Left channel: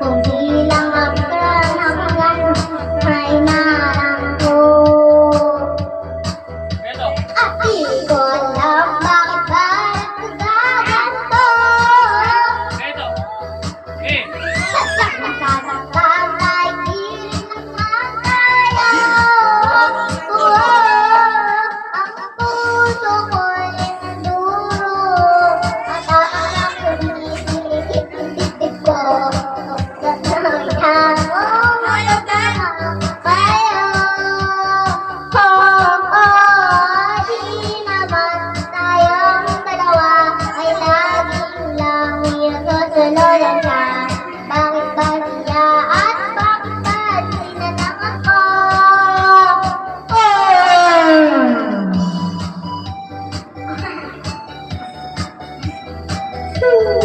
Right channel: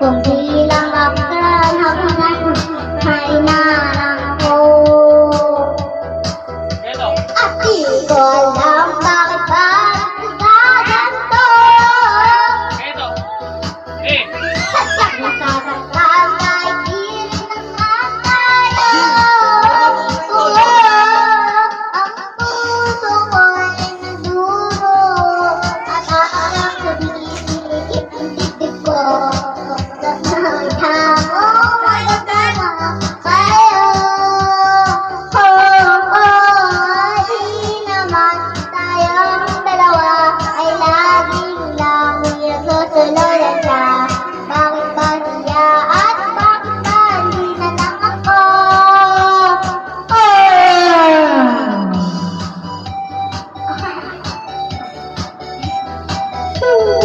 Vòng Woo!